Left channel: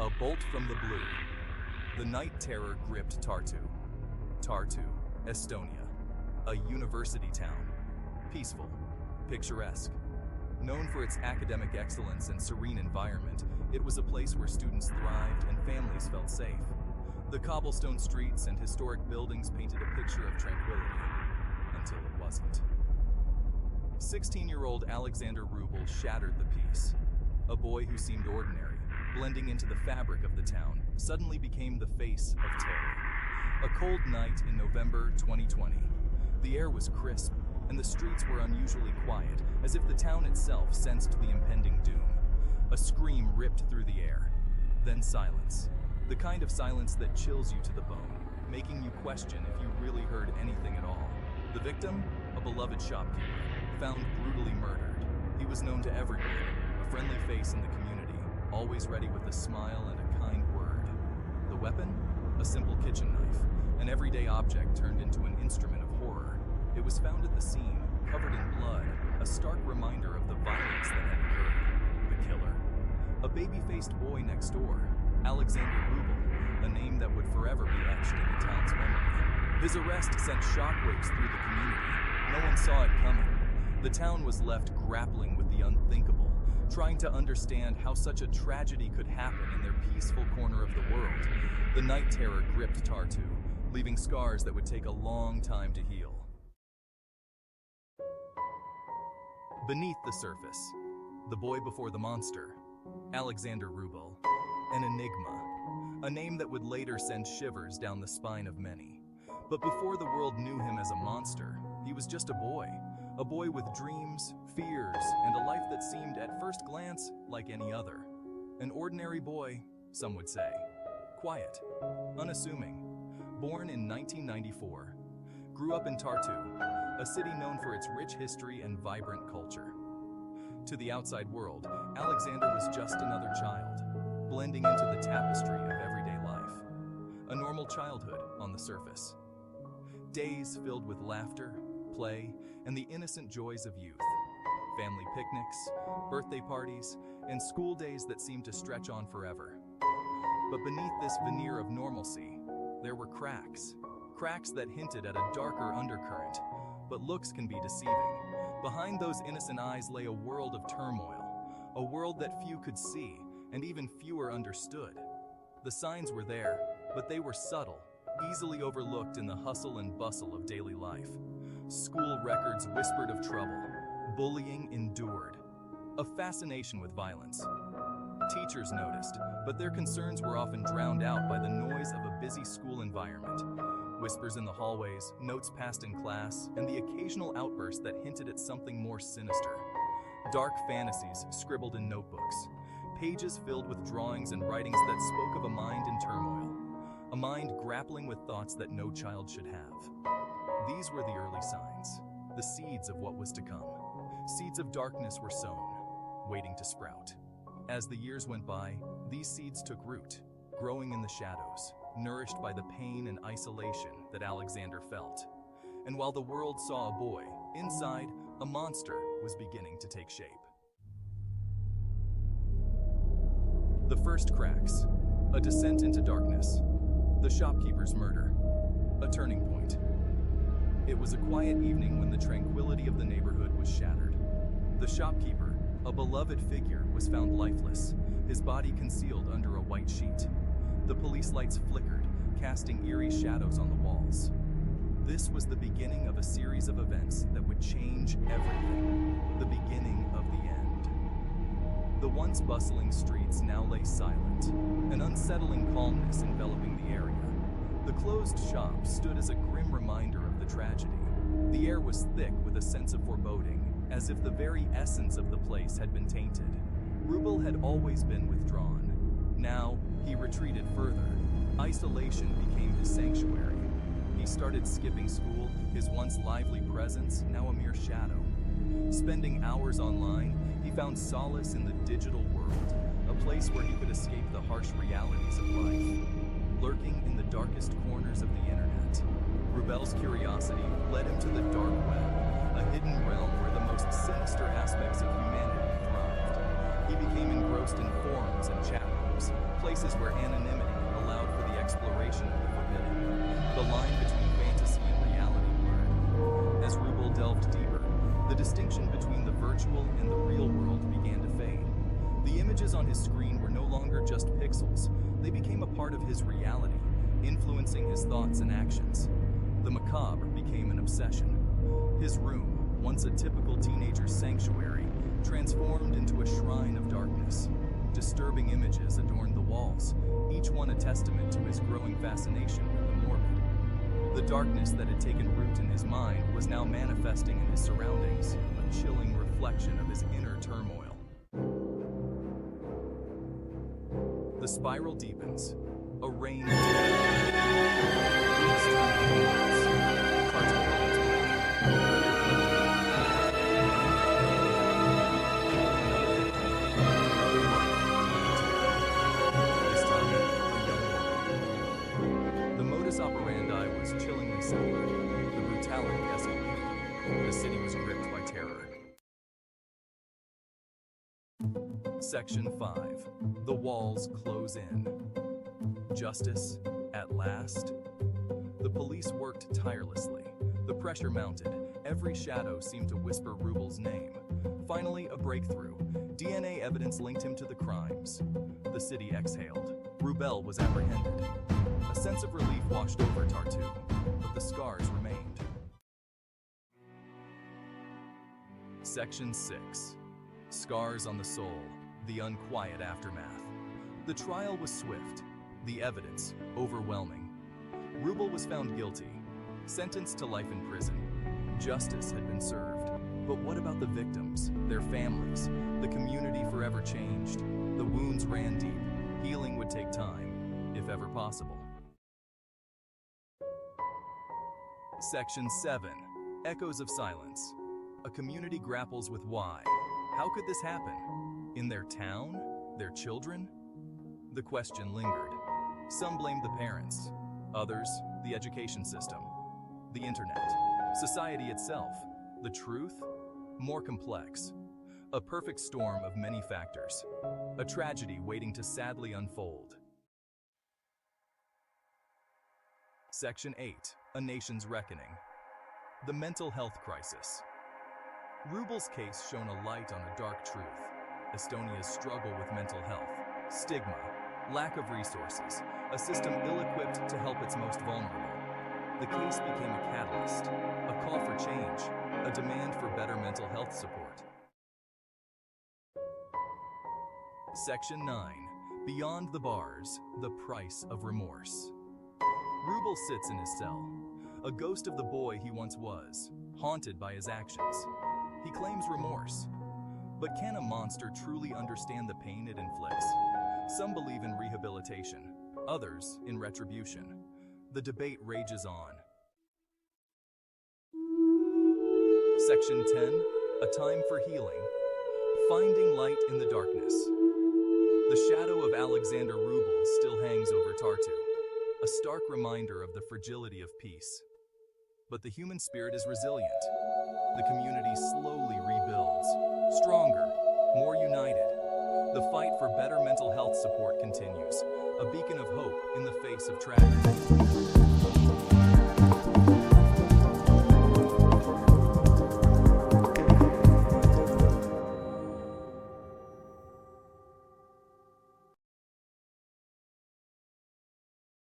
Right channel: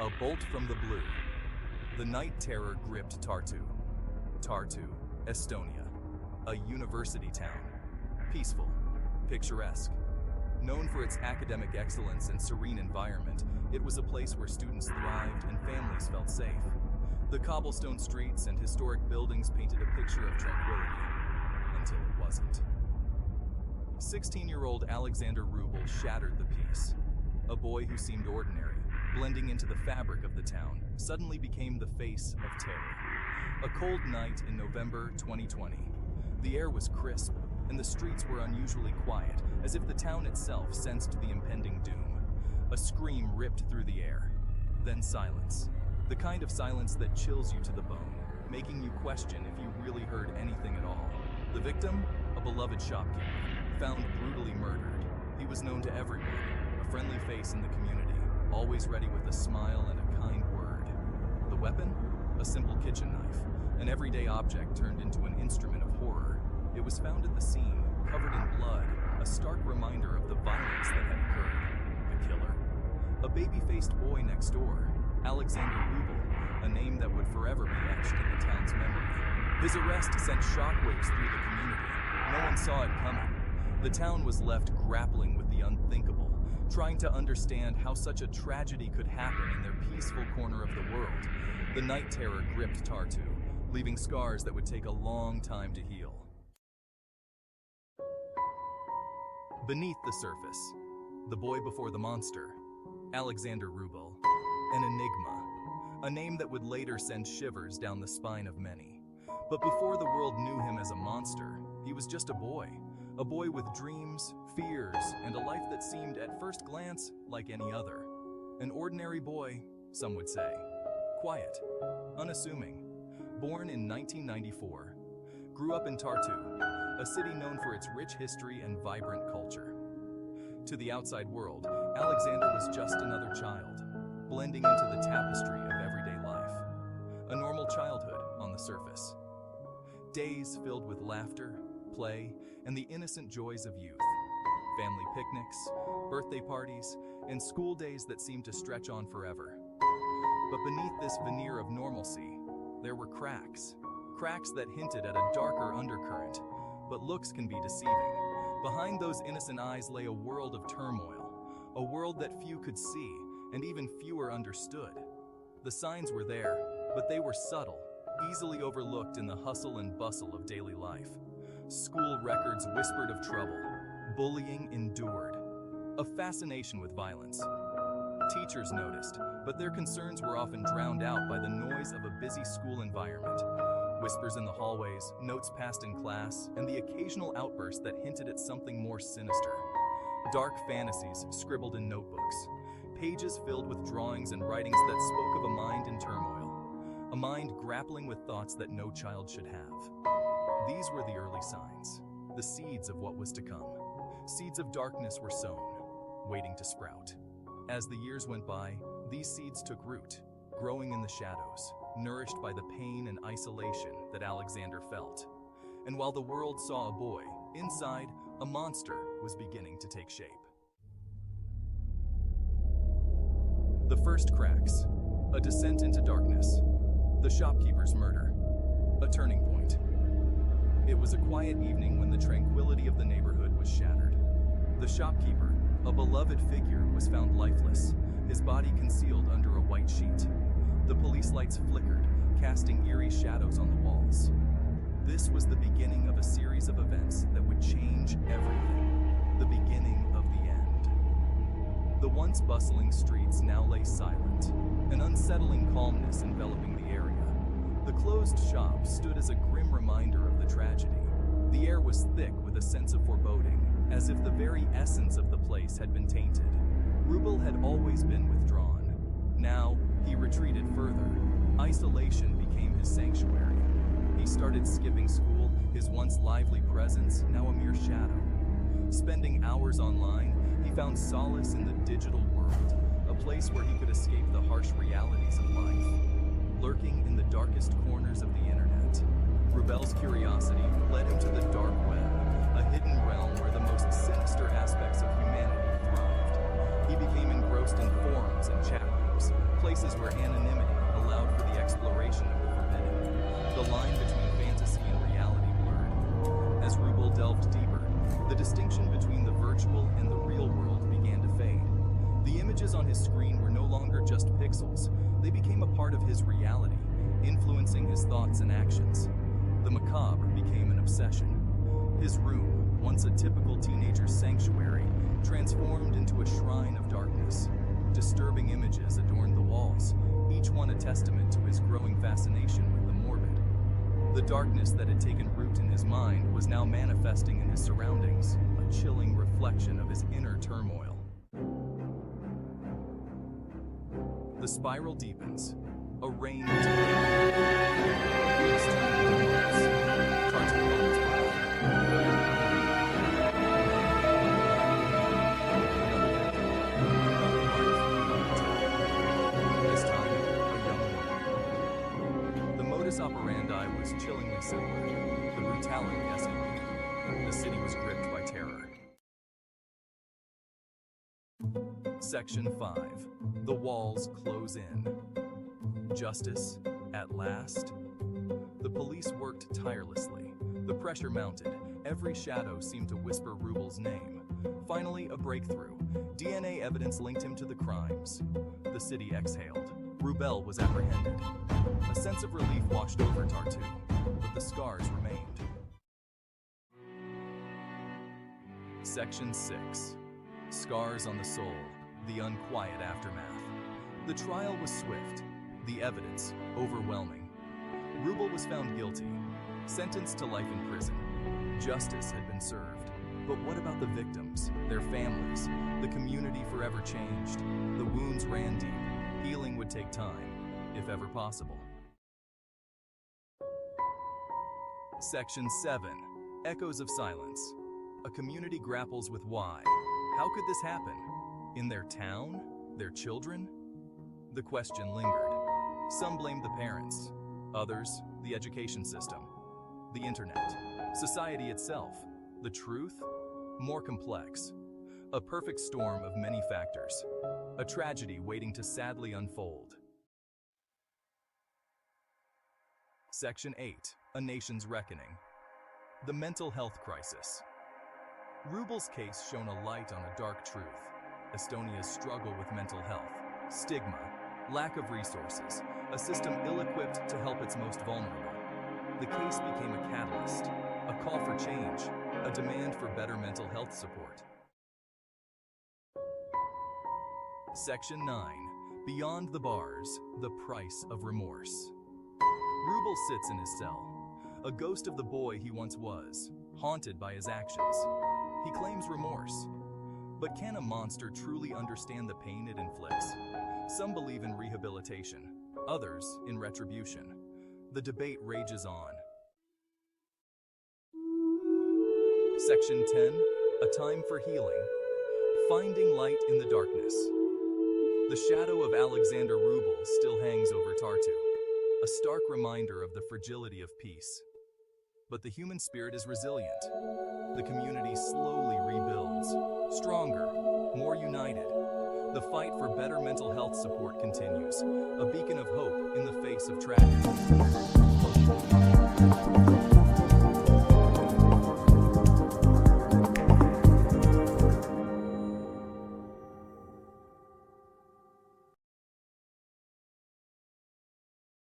A bolt from the blue. The night terror gripped Tartu, Estonia, a university town. Peaceful, picturesque. Known for its academic excellence and serene environment, it was a place where students thrived and families felt safe. The cobblestone streets and historic buildings painted a picture of tranquility, until it wasn't. 16-year-old Alexander Rubel shattered the peace. A boy who seemed ordinary, blending into the fabric of the town, suddenly became the face of terror. A cold night in November 2020. The air was crisp, and the streets were unusually quiet, as if the town itself sensed the impending doom. A scream ripped through the air. Then silence. The kind of silence that chills you to the bone, making you question if you really heard anything at all. The victim? A beloved shopkeeper, found brutally murdered. He was known to everyone, a friendly face in the community, always ready with a smile and a kind word. The weapon? A simple kitchen knife, an everyday object turned into an instrument of horror. It was found at the scene, covered in blood, a stark reminder of the violence that had occurred. The killer? A baby-faced boy next door, Alexander Rubel, a name that would forever be etched in the town's memory. His arrest sent shockwaves through the community. No one saw it coming. The town was left grappling with the unthinkable, trying to understand how such a tragedy could happen in their peaceful corner of the world. The night terror gripped Tartu, leaving scars that would take a long time to heal. Beneath the surface, the boy before the monster, Alexander Rubel, an enigma, a name that would later send shivers down the spine of many. But before the world knew him as a monster, he was just a boy with dreams, fears, and a life that seemed at first glance like any other. An ordinary boy, some would say. Quiet, unassuming. Born in 1994, grew up in Tartu, a city known for its rich history and vibrant culture. To the outside world, Alexander was just another child, blending into the tapestry of everyday life. A normal childhood on the surface. Days filled with laughter, play, and the innocent joys of youth. Family picnics, birthday parties, and school days that seemed to stretch on forever. But beneath this veneer of normalcy, there were cracks. Cracks that hinted at a darker undercurrent. But looks can be deceiving. Behind those innocent eyes lay a world of turmoil, a world that few could see, and even fewer understood. The signs were there, but they were subtle, easily overlooked in the hustle and bustle of daily life. School records whispered of trouble, bullying endured, a fascination with violence. Teachers noticed, but their concerns were often drowned out by the noise of a busy school environment. Whispers in the hallways, notes passed in class, and the occasional outburst that hinted at something more sinister. Dark fantasies scribbled in notebooks, pages filled with drawings and writings that spoke of a mind in turmoil, a mind grappling with thoughts that no child should have. These were the early signs, the seeds of what was to come. Seeds of darkness were sown, waiting to sprout. As the years went by, these seeds took root, growing in the shadows, nourished by the pain and isolation that Alexander felt. And while the world saw a boy, inside, a monster was beginning to take shape. The first cracks, a descent into darkness, the shopkeeper's murder, a turning point. It was a quiet evening when the tranquility of the neighborhood was shattered. The shopkeeper, a beloved figure, was found lifeless, his body concealed under a white sheet. The police lights flickered, casting eerie shadows on the walls. This was the beginning of a series of events that would change everything. The beginning of the end. The once bustling streets now lay silent, an unsettling calmness enveloping the area. The closed shop stood as a grim reminder of the tragedy. The air was thick with a sense of foreboding, as if the very essence of the place had been tainted. Rubel had always been withdrawn. Now, he retreated further. Isolation became his sanctuary. He started skipping school, his once lively presence now a mere shadow. Spending hours online, he found solace in the digital world, a place where he could escape the harsh realities of life. Lurking in the darkest corners of the internet, Rubel's curiosity led him to the dark web, a hidden realm where the most sinister aspects of humanity thrived. He became engrossed in forums and chat rooms, places where anonymity allowed for the exploration of the forbidden. The line between fantasy and reality blurred. As Rubel delved deeper, the distinction between the virtual and the real world began to fade. The images on his screen were no longer just pixels. They became a part of his reality, influencing his thoughts and actions. The macabre became an obsession. His room, once a typical teenager's sanctuary, transformed into a shrine of darkness. Disturbing images adorned the walls, each one a testament to his growing fascination with the morbid. The darkness that had taken root in his mind was now manifesting in his surroundings, a chilling reflection of his inner turmoil. The spiral deepens. A rain of terror. Weeks turn into months. Cartoon moments arrive. Another victim. Another life leading to it. This time, a young woman. The modus operandi was chillingly similar. The brutality escalated. The city was gripped by terror. Section 5. The walls close in. Justice, at last? The police worked tirelessly. The pressure mounted. Every shadow seemed to whisper Rubel's name. Finally, a breakthrough. DNA evidence linked him to the crimes. The city exhaled. Rubel was apprehended. A sense of relief washed over Tartu, but the scars remained. Section 6. Scars on the soul. The unquiet aftermath. The trial was swift. The evidence overwhelming. Rubel was found guilty, sentenced to life in prison. Justice had been served. But what about the victims, their families? The community forever changed. The wounds ran deep. Healing would take time, if ever possible. Section 7. Echoes of silence. A community grapples with why. How could this happen? In their town? Their children? The question lingered. Some blamed the parents, others the education system, the internet, society itself. The truth? More complex. A perfect storm of many factors. A tragedy waiting to sadly unfold. Section 8. A nation's reckoning. The mental health crisis. Rubel's case shone a light on a dark truth. Estonia's struggle with mental health, stigma, lack of resources, a system ill-equipped to help its most vulnerable. The case became a catalyst, a call for change, a demand for better mental health support. Section 9. Beyond the bars, the price of remorse. Rubel sits in his cell, a ghost of the boy he once was, haunted by his actions. He claims remorse. But can a monster truly understand the pain it inflicts? Some believe in rehabilitation, others in retribution. The debate rages on. Section 10. A time for healing. Finding light in the darkness. The shadow of Alexander Rubel still hangs over Tartu, a stark reminder of the fragility of peace. But the human spirit is resilient. The community slowly rebuilds, stronger, more united. The fight for better mental health support continues, a beacon of hope in the face of tragedy.